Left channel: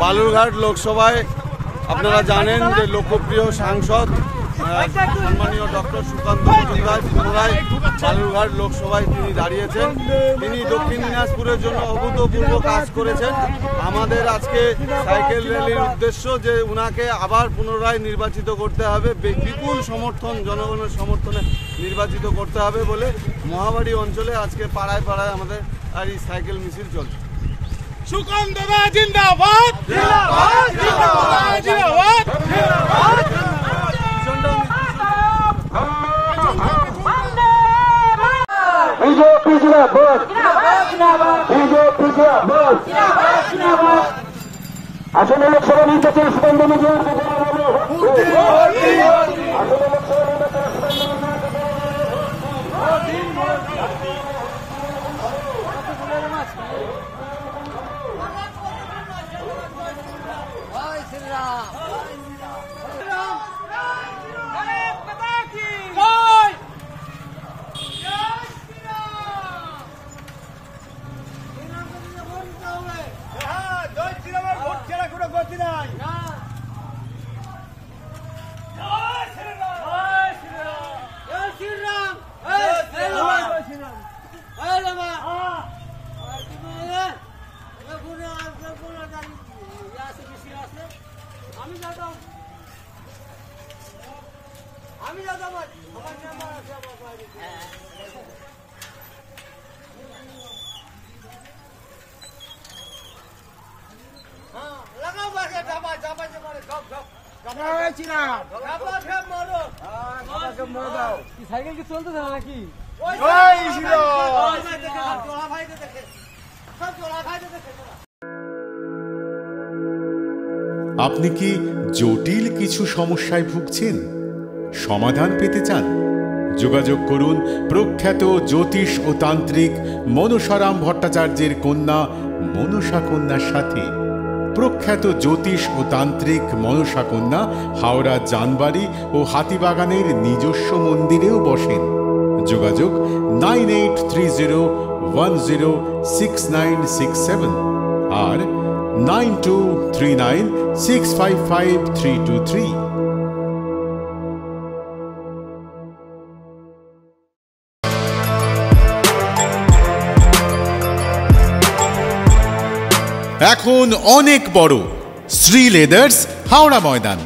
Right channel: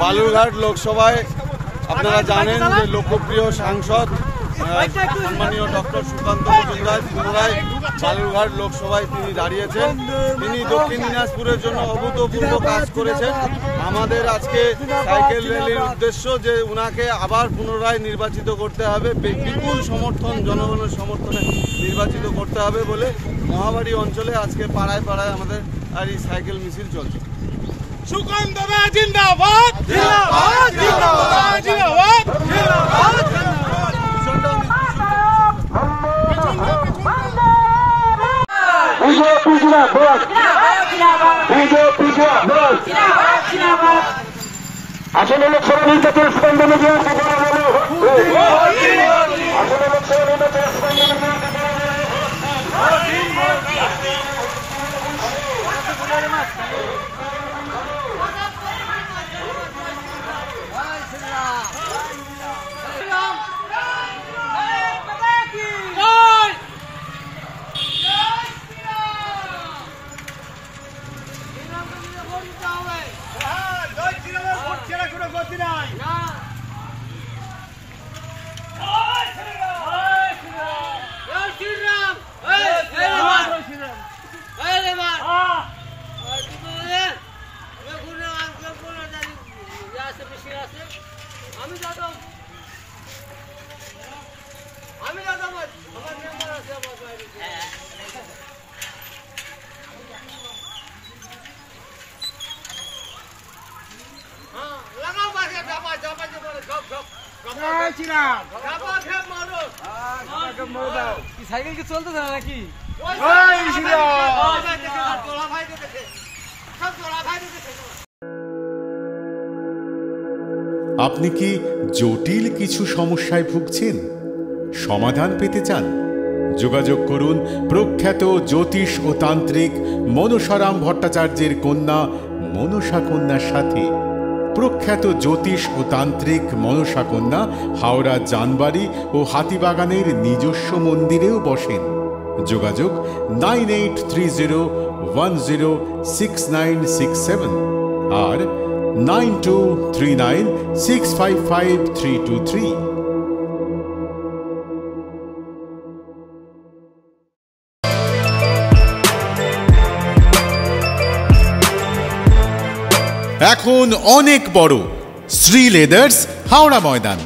বালুরঘাট লোকসভায় আপনারা জানেন যে লোকপ্রিয় সাংসদ সম্মানীয় ডক্টর সুকান্ত মজুমদার পুনরায় বালুরঘাট লোকসভায় তিনি দাঁড়িয়েছেন। তিনি দক্ষিণ দিনাজপুরের জন্য অভূতপূর্ব কাজ করেছেন। আমাদের আজকে সাইকেল র্যালির উদ্দেশ্য যে উনাকে আবার পুনরায় নির্বাচিত করতে হবে, বিপুল সমর্থন, জনগণের সমর্থনে নির্বাচিত করতে হবে বলে মহাবাড়ি অঞ্চলে আজকে পাড়ায় পাড়ায় আমাদের আর এই সাইকেল মিছিল চলছে। সুকান্ত দা জিন্দাবাদ, জিন্দাবাদ, জিন্দাবাদ, জিন্দাবাদ। আসলে লোকসভা নির্বাচন সুকান্ত মজুমদার আসলে লোকসভা নির্বাচন সাইকেল কি চলতেছে না নাকি? আপনি কি জটিল কিছু সমস্যায় ভুগছেন, সমাধান পেতে চান? যোগাযোগ করুন প্রখ্যাত জ্যোতিষ ও তান্ত্রিক মনসারাম ভট্টাচার্যের কন্যা মনসা কন্যার সাথে। প্রখ্যাত জ্যোতিষ ও তান্ত্রিক মনসা কন্যা হাওড়া জানবাড়ি ও হাতিবাগানের নিজস্ব মন্দিরেও বসেন। যোগাযোগ 9830106967 আর 9239655323। এখন অনেক বড় শ্রী লেদার্স হাওড়া ময়দান।